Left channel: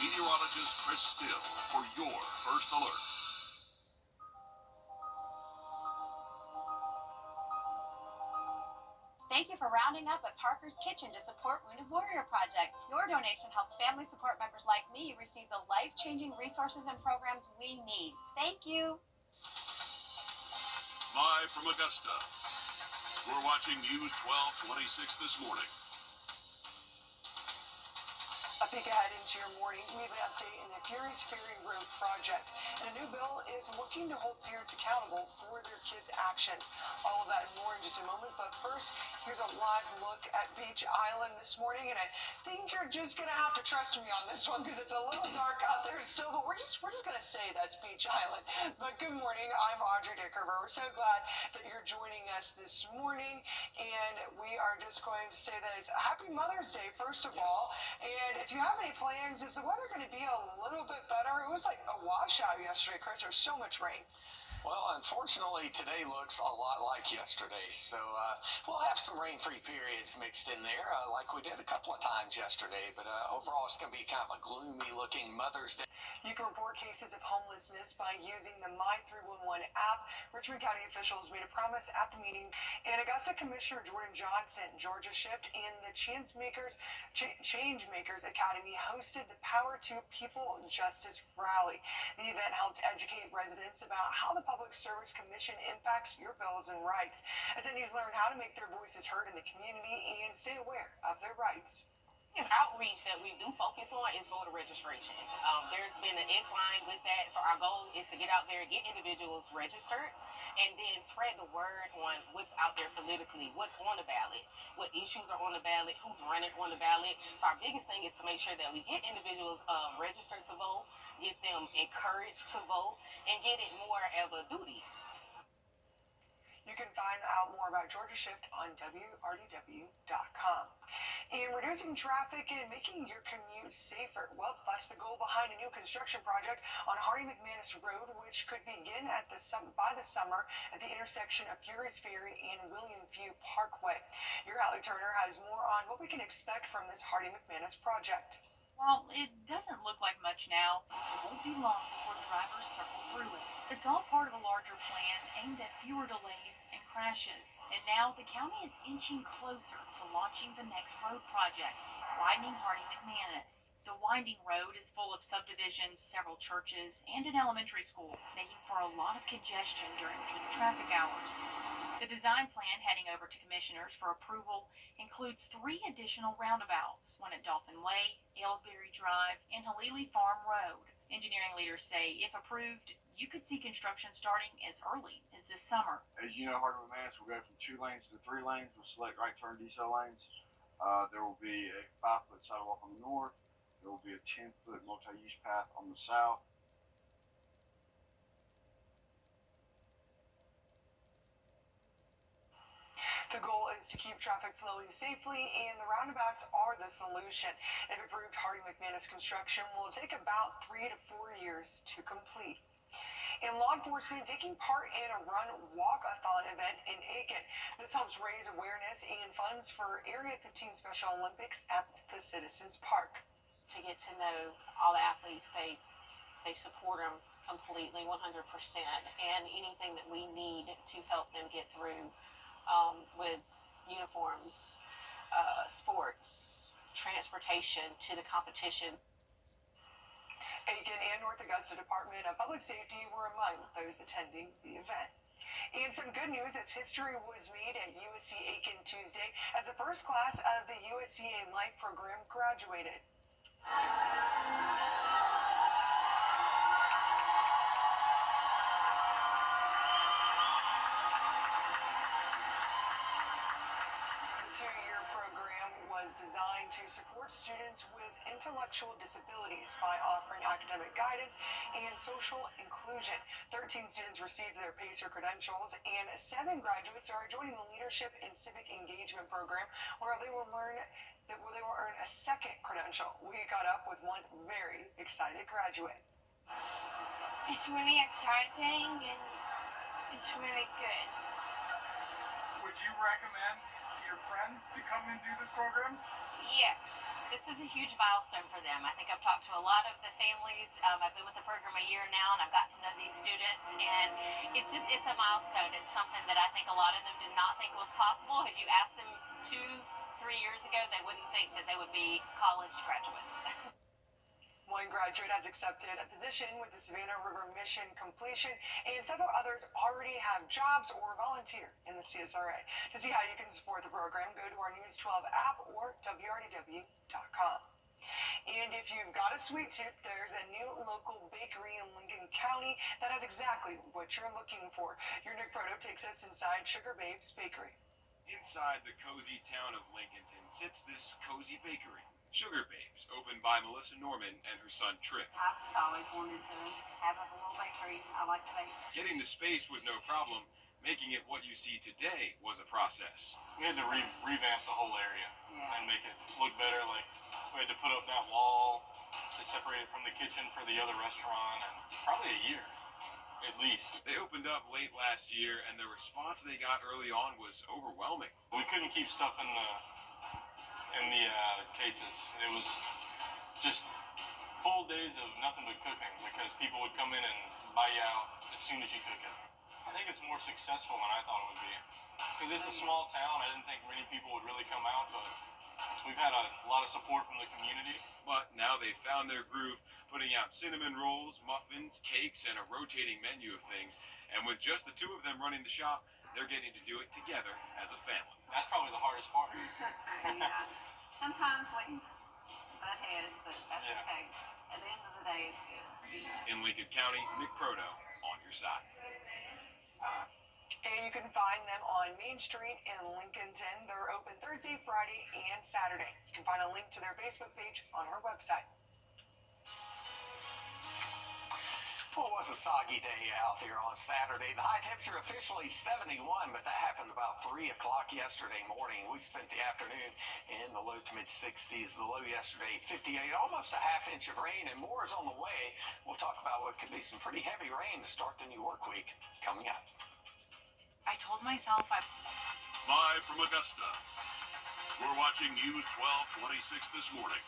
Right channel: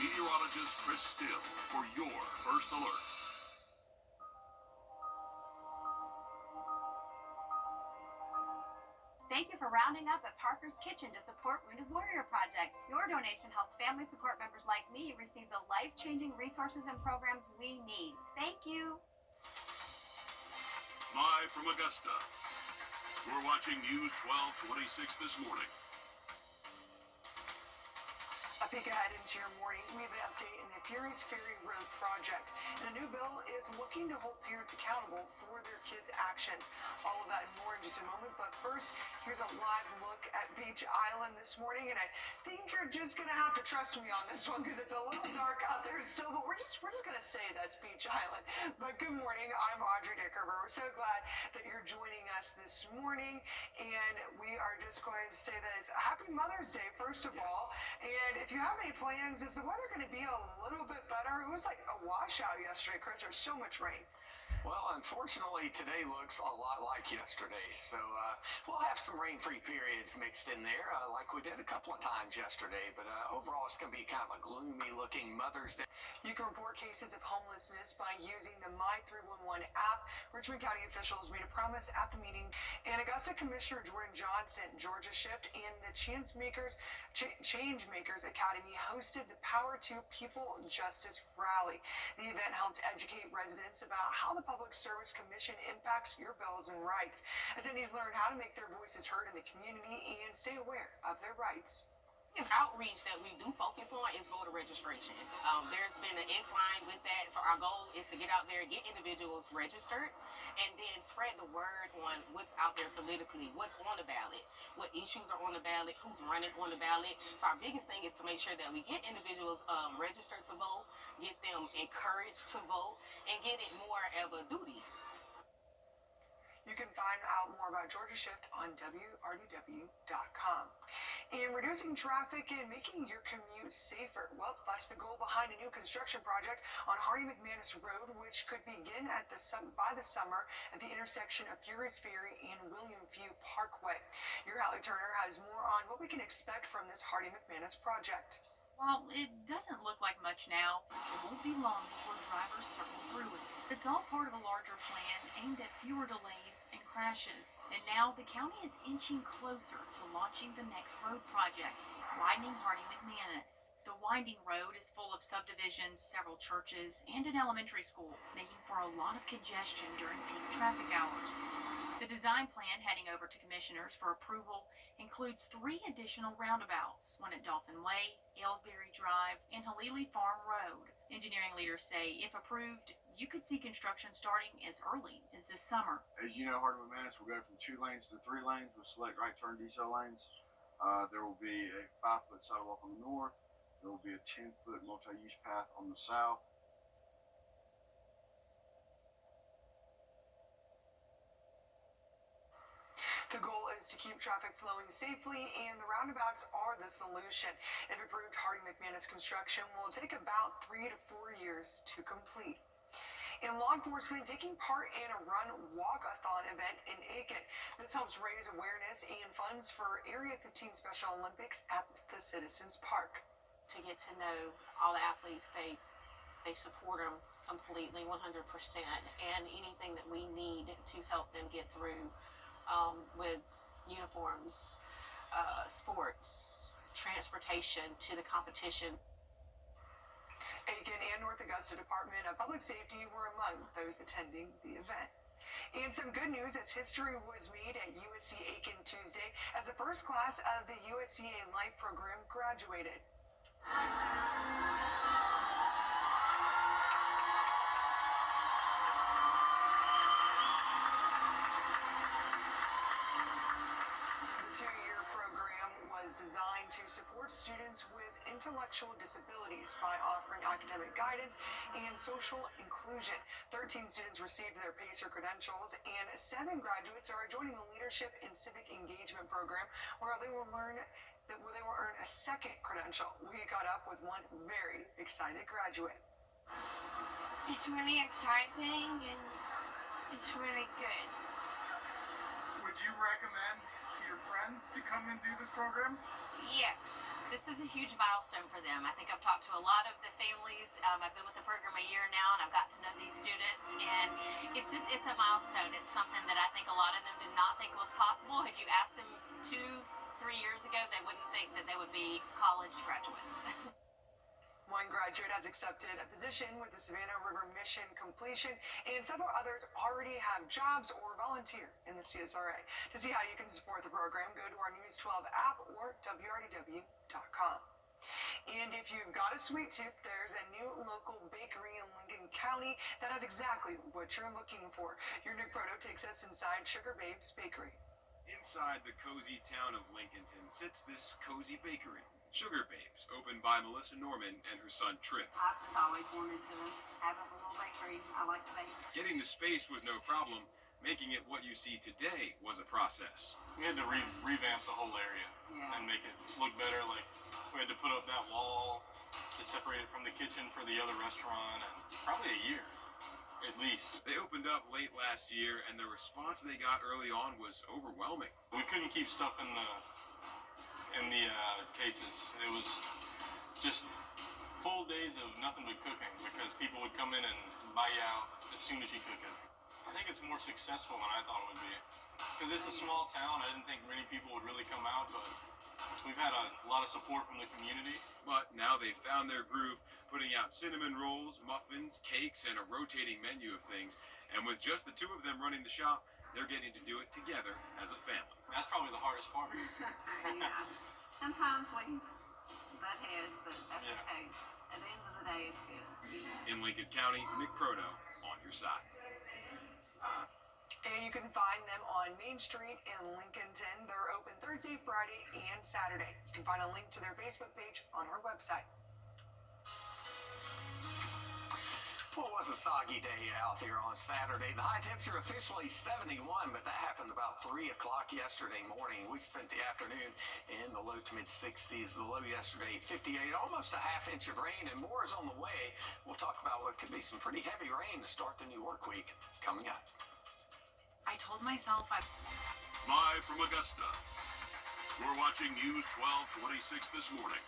Meteorologist Chris Still for your first alert. Thank you for rounding up at Parker's Kitchen to support Wounded Warrior Project. Your donation helps family support members like me receive the life-changing resources and programs we need. Thank you. Live from Augusta, we're watching News 1226 this morning. A peek ahead into your morning, we have an update in the Furious Ferry Road project. And a new bill is looking to hold parents accountable for their kids' actions. All of that and more in just a moment. But first, here's a live look at Beach Island this morning. And I think you're just going to have to trust me on this one because it's a little dark out there still. But we're just going to say that's Beach Island. But good morning. I'm Audrey Dickerver. We're so glad that you're joining us this morning. And we are just going to say that it's a happy Mother's Day, first of all. And if you have any plans, is the weather going to be a little bit better? It was like a washout yesterday, Chris. There's so much rain. Well, unfortunately, today looks a lot like yesterday, so we'll have some rain-free periods mixed in there, like we did a couple of times yesterday, but overall it's going to be kind of a gloomy-looking Mother's Day. You can report cases of homelessness by using the My311 app. Richmond County officials made a promise at the meeting, and Augusta Commissioner Jordan Johnson, Georgia Shift, and the Changemakers Academy hosted the Power to People Justice Rally. The event helped educate residents about how the Public Service Commission impacts your bills and rights. Attendees learn how to make their voices heard in the community and stay aware of their rights. Outreach that we do focus on is voter registration. There's been an incline with that, so our goal is to get out there, get individuals registered, and then spread the word on what's out there politically, what's on the ballot, what issues are on the ballot, who's running on the ballot. So our biggest thing is to make sure that we get individuals registered to vote, get them encouraged to vote, and get it more of a duty. You can find out more about Georgia Shift on Wrdw.com. And reducing traffic and making your commute safer. Well, that's the goal behind a new construction project on Hardy-McManus Road, which could begin by the summer at the intersection of Furious Ferry and William View Parkway. Your Hallie Turner has more on what we can expect from this Hardy-McManus project. While it doesn't look like much now, it won't be long before drivers circle through it. It's all part of a larger plan aimed at fewer delays and crashes. And now the county is inching closer to launching the next road project, widening Hardy-McManus. The winding road is full of subdivisions, several churches, and an elementary school, making for a lot of congestion during peak traffic hours. The design plan heading over to commissioners for approval includes 3 additional roundabouts, one at Dolphin Way, Aylesbury Drive, and Halili Farm Road. Engineering leaders say if approved, you could see construction starting as early as this summer. As you know, Hardy-McManus will go from 2 lanes to 3 lanes with select right turn decel lanes. There will be a 5-foot sidewalk on the north. There will be a 10-foot multi-use path on the south. The goal is to keep traffic flowing safely, and the roundabouts are the solution. If approved, Hardy-McManus construction will take about 3 to 4 years to complete. And law enforcement taking part in a run-walk-a-thon event in Aiken. This helps raise awareness and funds for Area 15 Special Olympics at the Citizens Park. To get to know all the athletes, they support them completely, 100%, and anything that we need to help them get through with uniforms, sports, transportation to the competition. Aiken and North Augusta Department of Public Safety were among those attending the event. And some good news as history was made at USC Aiken Tuesday as the first class of the USCA Life program graduated. The 2-year program was designed to support students with intellectual disabilities by offering academic guidance and social inclusion. 13 students received their PACER credentials, and 7 graduates are joining the Leadership and Civic Engagement program, where they will earn a second credential. We got up with one very excited graduate. It's really exciting and it's really good. Would you recommend to your friends to come and do this program? Yes. This is a huge milestone for them. I think I've talked to a lot of the families. I've been with the program a year now, and I've gotten to know these students, and it's a milestone. It's something that I think a lot of them did not think was possible. Had you asked them 2-3 years ago, they wouldn't think that they would be college graduates. One graduate has accepted a position with the Savannah River Mission Completion, and several others already have jobs or volunteer in the CSRA. To see how you can support the program, go to our News 12 app or wrdw.com. And if you've got a sweet tooth, there's a new local bakery in Lincoln County that has exactly what you're looking for. Your Nick Proto takes us inside Sugar Babe's Bakery. Inside the cozy town of Lincolnton sits this cozy bakery, Sugar Babes, opened by Melissa Norman and her son Trip. I've just always wanted to have a little bakery. I like to bake. Getting the space was no problem. Making it what you see today was a process. We had to revamp the whole area and make it look better. Like, we had to put up that wall to separate it from the kitchen for the other restaurant, and probably a year, at least. They opened up late last year, and the response they got early on was overwhelming. We couldn't keep stuff in the cases. It was just full days of nothing but cooking because people would come in and buy you out as soon as you cook it. I think it's more successful than I thought it would be. Because it's a small town, I didn't think many people would really come out, but we've had a lot of support from the community. But now they've found their groove, putting out cinnamon rolls, muffins, cakes, and a rotating menu of things. And with just the two of them running the shop, they're getting to do it together as a family. That's probably the hardest part. Yeah. Sometimes we butt heads, but that's okay. At the end of the day, it's good. In Lincoln County, Nick Proto on your side. And you can find them on Main Street in Lincolnton. They're open Thursday, Friday, and Saturday. You can find a link to their Facebook page on our website. Well, it was a soggy day out there on Saturday. The high temperature officially 71, but that happened about 3 o'clock yesterday morning. We spent the afternoon in the low to mid-60s. The low yesterday, 58, almost a half inch of rain, and more is on the way. We'll talk about what could be some pretty heavy rain to start the new work week coming up. I told myself Live from Augusta, we're watching News 1226 this morning.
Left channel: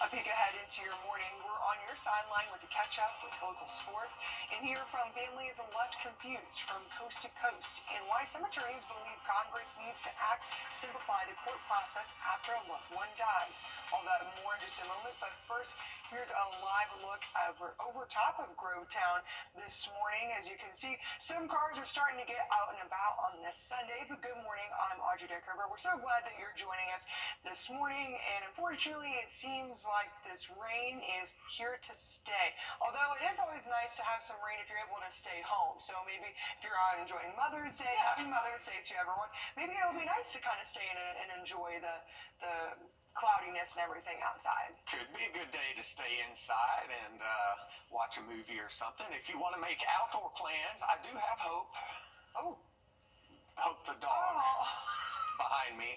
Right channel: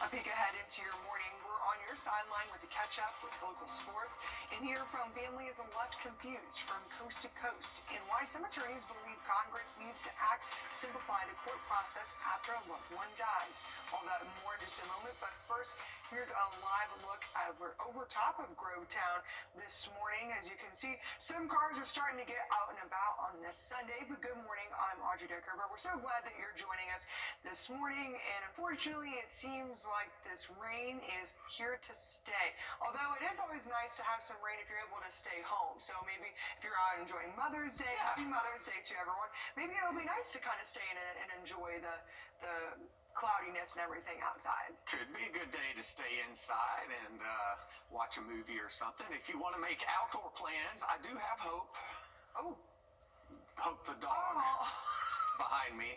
A peek ahead into your morning. We're on your sideline with the catch-up with local sports and hear from families left confused from coast to coast and why some attorneys believe Congress needs to act to simplify the court process after a loved one dies. All that and more in just a moment, but first, here's a live look over top of Grovetown this morning. As you can see, some cars are starting to get out and about on this Sunday, but good morning, I'm Audrey Deckerber. We're so glad that you're joining us this morning, and unfortunately, it seems like this rain is here to stay. Although it is always nice to have some rain if you're able to stay home. So maybe if you're out enjoying Mother's Day, happy Mother's Day to everyone. Maybe it'll be nice to kind of stay in and enjoy the cloudiness and everything outside. Could be a good day to stay inside and watch a movie or something. If you want to make outdoor plans, I do have Hope. Oh. Hope the dog behind me.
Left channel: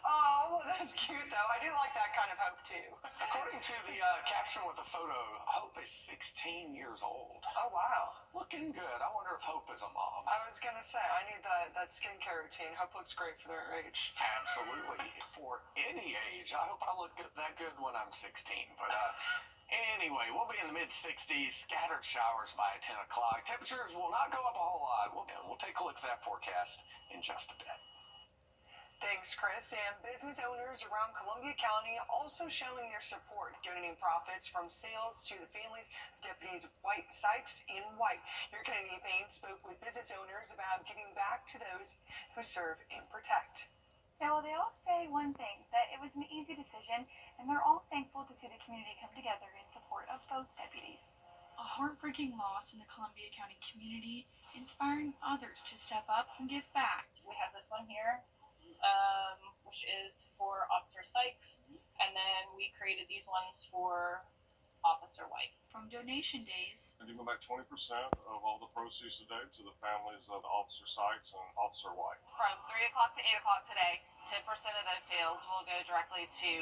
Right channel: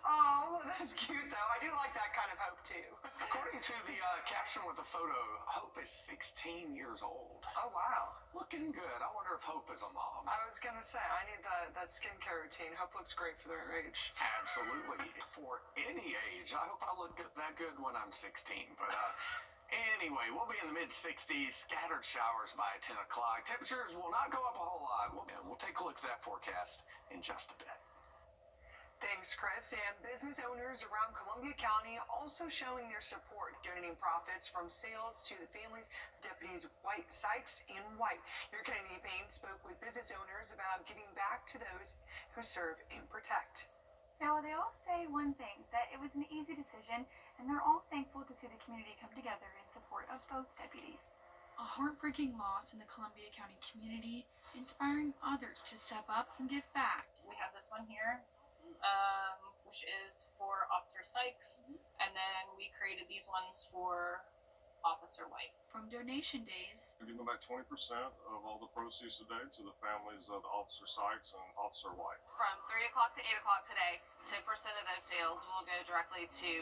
Oh, that's cute though. I do like that kind of hope too. According to the caption with the photo, Hope is 16 years old. Oh, wow. Looking good. I wonder if Hope is a mom. I was going to say, I need that skincare routine. Hope looks great for their age. Absolutely. For any age. I hope I look that good when I'm 16. But anyway, we'll be in the mid-60s. Scattered showers by 10 o'clock. Temperatures will not go up a whole lot. We'll take a look at that forecast in just a bit. Thanks, Chris. And business owners around Columbia County also showing their support, donating profits from sales to the families of Deputies White Sykes and White. Your Kennedy Payne spoke with business owners about giving back to those who serve and protect. Now, they all say one thing, that it was an easy decision, and they're all thankful to see the community come together in support of both deputies. A heartbreaking loss in the Columbia County community, inspiring others to step up and give back. We have this one here, which is for Officer Sykes, and then we created these ones for Officer White. From donation days, We're giving back 20% of all the proceeds today to the families of Officer Sykes and Officer White. From 3 o'clock to 8 o'clock today, 10% of those sales will go directly to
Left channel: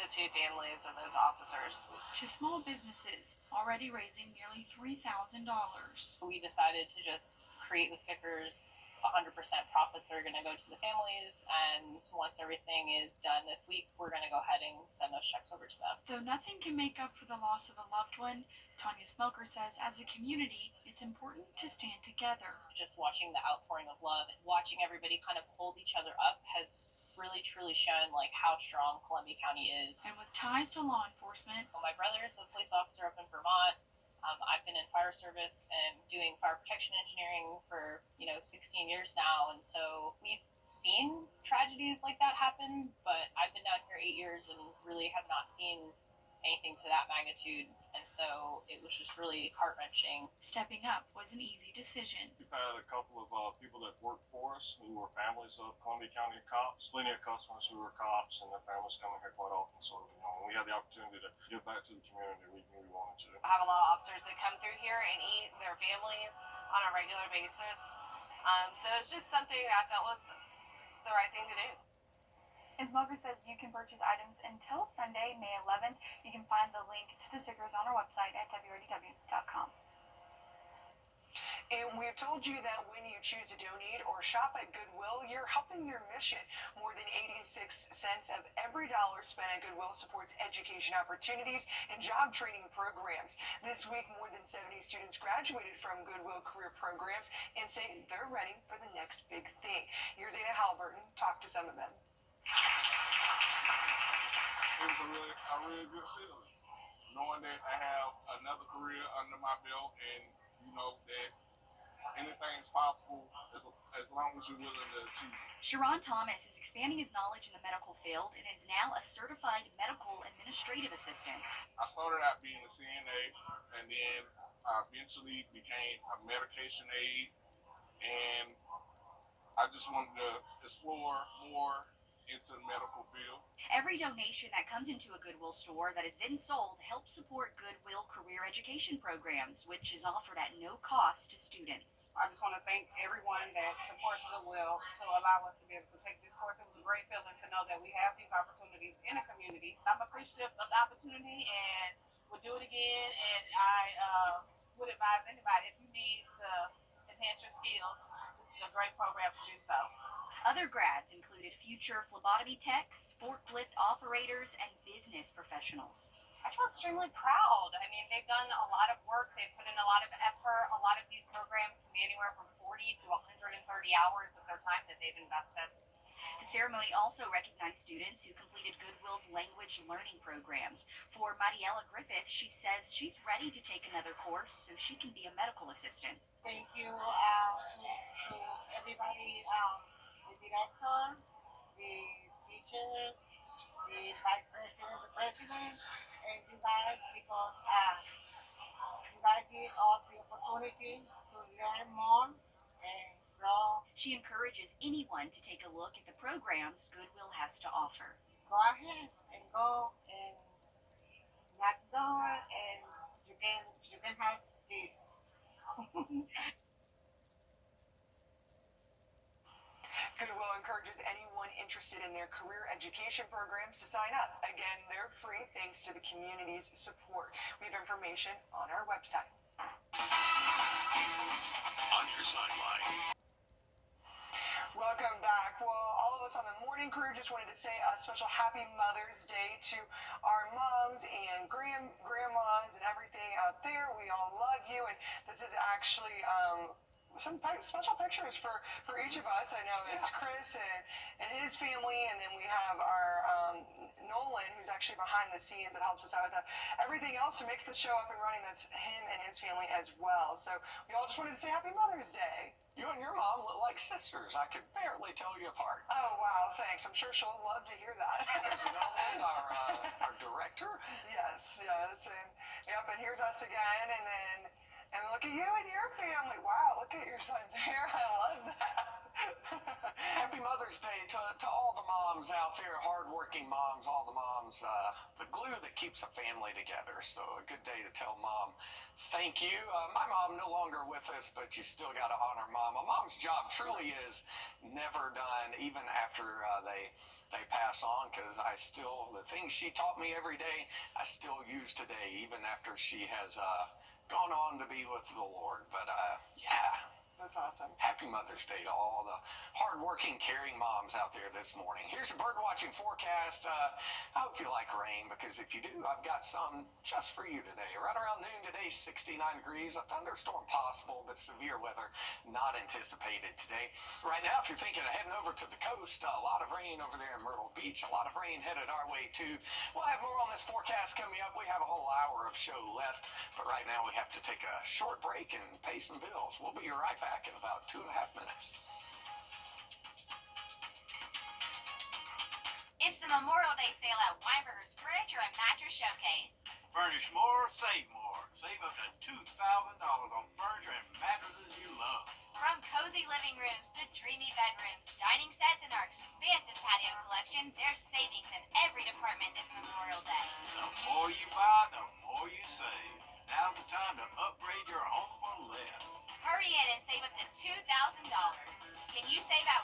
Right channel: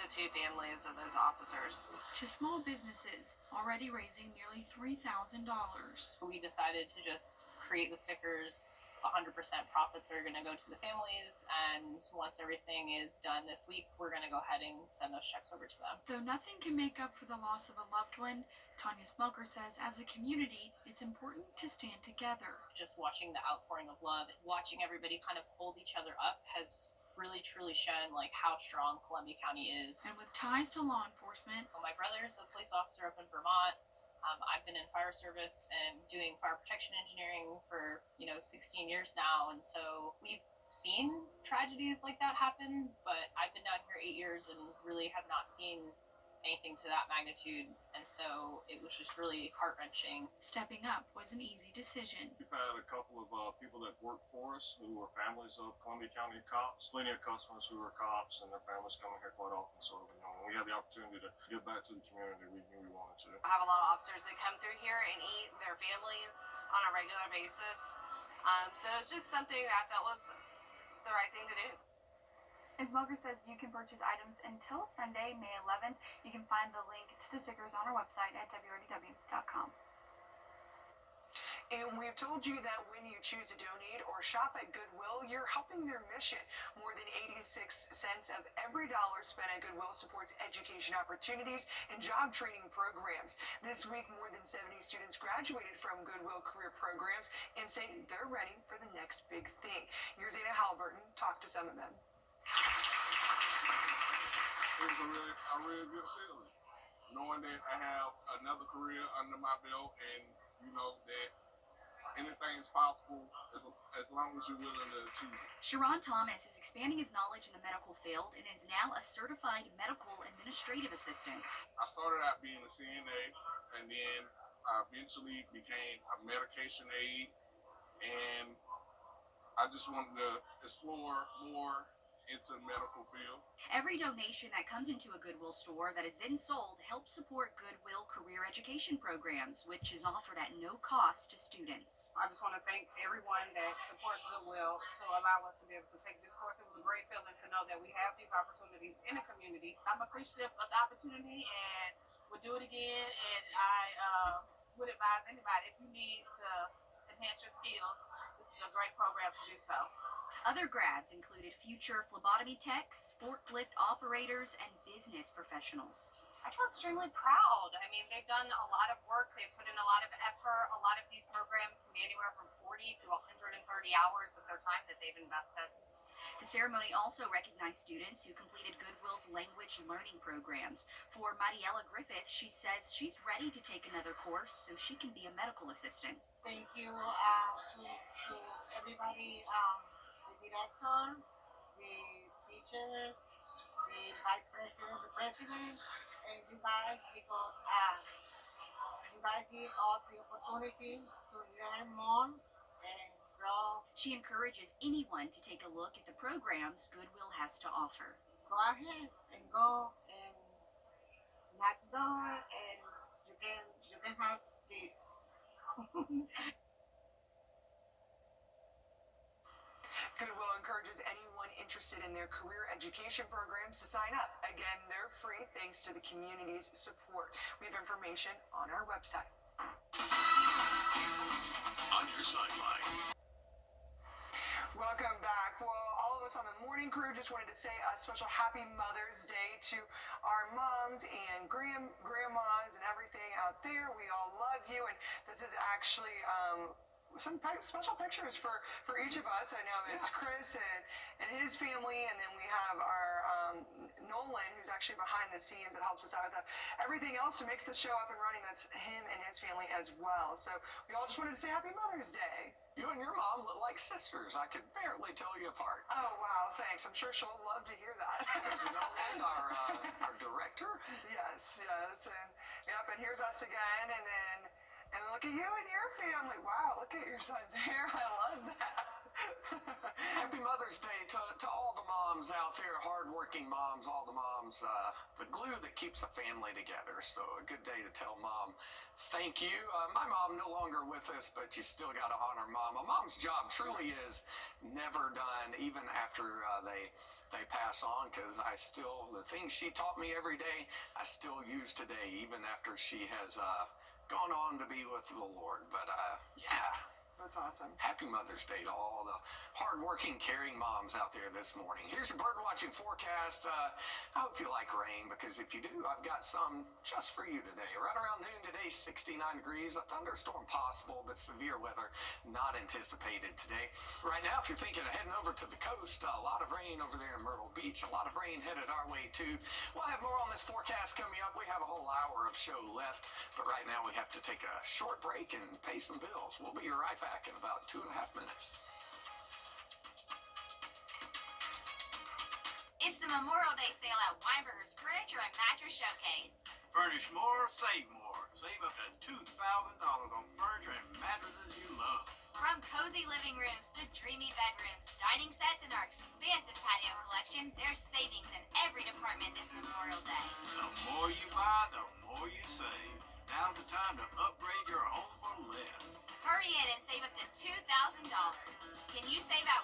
the two families of those officers. to small businesses, already raising nearly $3,000. We decided to just create the stickers 100% profits are going to go to the families, and once everything is done this week, we're going to go ahead and send those checks over to them. Though nothing can make up for the loss of a loved one, Tanya Smelker says as a community, it's important to stand together. Just watching the outpouring of love, watching everybody kind of hold each other up has really truly shown like how strong Columbia County is. And with ties to law enforcement, my brother is a police officer up in Vermont. I've been in fire service and doing fire protection engineering for 16 years now, and so we've seen tragedies like that happen, but I've been down here 8 years and really have not seen anything to that magnitude, and so it was just really heart-wrenching. Stepping up was an easy decision. We've had a couple of people that work for us who were families of Columbia County cops, plenty of customers who were cops, and their families coming here quite often. So when we had the opportunity to give back to the community, we knew we wanted to. I have a lot of officers that come through here and eat their families on a regular basis. So it's just something that I felt was the right thing to do. And Smelker says you can purchase items until Sunday, May 11th. You can find the link to the stickers on our website at wrdw.com. And we've told you that when you choose to donate or shop at Goodwill, you're helping their mission. More than 86 cents of every dollar spent at Goodwill supports education opportunities and job training programs. This week, more than 70 students graduated from Goodwill career programs and say they're ready for the next big thing. Here's Anna Halliburton talk to some of them. It was a really good feeling, knowing that I have another career under my belt, and you know that anything is possible as long as you're willing to achieve it. Sharon Thomas is expanding his knowledge in the medical field and is now a certified medical administrative assistant. I started out being a CNA, and then I eventually became a medication aide, and I just wanted to explore more into the medical field. Every donation that comes into a Goodwill store that is then sold helps support Goodwill career education programs, which is offered at no cost to students. I just want to thank everyone that supports Goodwill to allow us to be able to take this course. It was a great feeling to know that we have these opportunities in the community. I'm appreciative of the opportunity and we'll do it again. And I would advise anybody, if you need to enhance your skills, this is a great program to do so. Other grads included future phlebotomy techs, forklift operators, and business professionals. I feel extremely proud. I mean, they've done a lot of work. They've put in a lot of effort. A lot of these programs can be anywhere from 40 to 130 hours of their time that they've invested. The ceremony also recognized students who completed Goodwill's language learning programs. For Mariela Griffith, she says she's ready to take another course so she can be a medical assistant. Thank you to everybody, the director, the teachers, the vice president, the president, and you guys, because you guys give us the opportunity to learn more and grow. She encourages anyone to take a look at the programs Goodwill has to offer. Go ahead and go and knock the door, and you can have this. Goodwill encourages anyone interested in their career education programs to sign up. Again, they're free thanks to the community's support. We have information on our website. On your sideline. Welcome back. Well, all of us on the morning crew just wanted to say a special happy Mother's Day to our moms and grandmas and everything out there. We all love you, and this is actually some special pictures for each of us. I know it's Chris and his family, and then we have our Nolan, who's actually behind the scenes that helps us out with everything else to make the show up and running. That's him and his family as well. So we all just wanted to say Happy Mother's Day. You and your mom look like sisters. I could barely tell you apart. Oh, wow, thanks. I'm sure she'll love to hear that. There's Nolan, our director. Yes. And here's us again, and look at you and your family. Wow, look at your son's hair. I love that. Happy Mother's Day to all the moms out there, hardworking moms, all the moms, the glue that keeps a family together. So a good day to tell mom thank you. My mom no longer with us, but you still got to honor mom. A mom's job truly is never done, even after they pass on, because the things she taught me every day, I still use today, even after she has gone on to be with the Lord. But yeah. That's awesome. Happy Mother's Day to all the hardworking, caring moms out there this morning. Here's your bird watching forecast. I hope you like rain, because if you do, I've got some just for you today. Right around noon today, 69 degrees, a thunderstorm possible, but severe weather not anticipated today. Right now, if you're thinking of heading over to the coast, a lot of rain over there in Myrtle Beach, a lot of rain headed our way too. We'll have more on this forecast coming up. We have a whole hour of show left, but right now we have to take a short break and pay some bills. We'll be right back in about 2.5 minutes. It's the Memorial Day sale at Weinberger's Furniture and Mattress Showcase. Furnish more, save more. Save up to $2,000 on furniture and mattresses you love. From cozy living rooms to dreamy bedrooms, dining sets, and our expansive patio collection, there's savings in every department this Memorial Day. The more you buy, the more you save. Now's the time to upgrade your home for less. Hurry in and save up to $2,000. Can you save at